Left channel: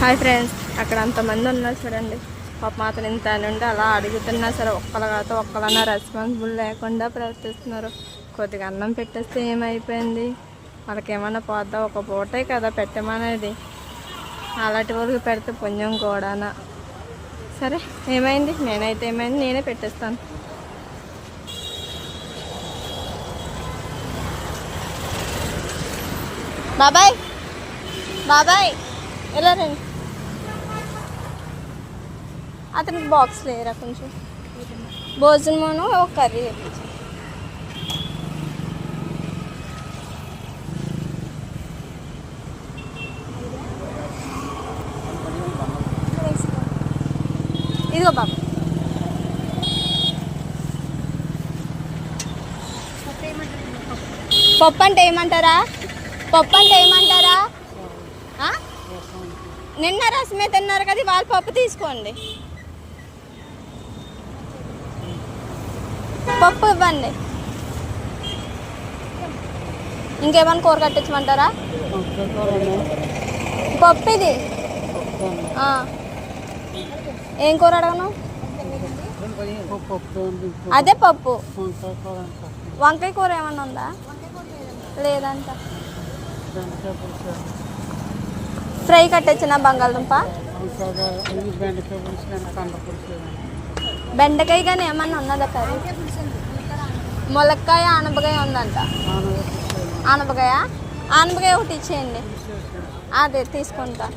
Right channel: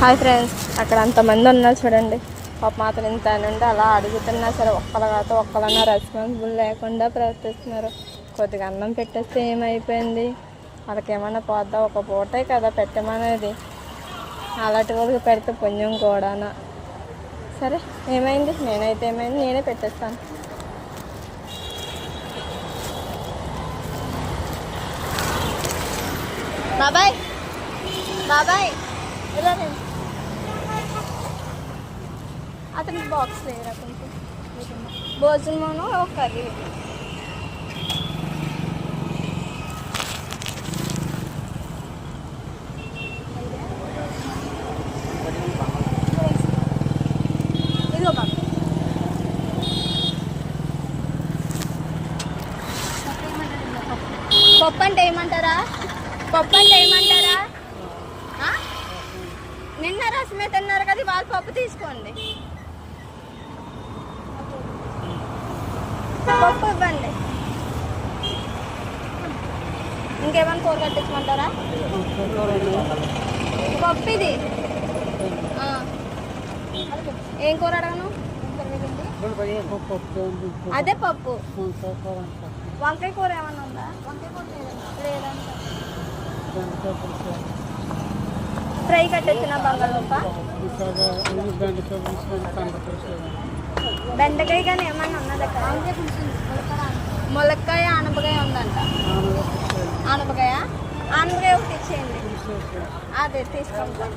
Hi friends, అక్కడ అంతమంది ఉన్నారు చూడండి. పాప మాత్రం ఇంత నుండి అలా అడుగుతున్నా సరే ఒక్కలన్నా రెస్పాన్సిబుల్ లేకుండా ప్రవర్తిస్తున్నారు. కొద్దిగా అన్నం పెట్టేస్తే ఏమైపోయింది, వాళ్ళకి ఏమన్నా పోద్దా, ఒక పూటే కదా పెట్టమనేది. అలాంటి వాళ్ళకి పెడితే పుణ్యం కూడానా. సరే ఏమైంది, నేనే పెట్టేస్తాను. బాబాయ్ బాబాయ్ ఎలా రండి, అతనికి బాక్స్ లేరా కొంచెం భోజనమును ఒక కర్రీ. ఇదిగో బాబా, పప్పు అంటే ఏమంటారా? నిన్న రసమే తిన్నారు కదా, వాళ్ళ పప్పు తీసుకోండి. పప్పు ఇవ్వండి. ఇంకేమైనా కూర కట్టించమంటారా? పప్పు ఇది. ఏం కూర అడగను? అదే పప్పు. వంకాయ కూర ఏమన్నా ఉందా? లేదంట. ఫ్రై కట్టొచ్చిన బంగాళదుంప, బెండకాయ కానీ ఏమన్నా ఉన్నదా? ములక్కాయ, ఆనపకాయ ఉందంట. ఆనపకాయ ఒకటి ఇచ్చేయండి. అదే తీసుకుంటా.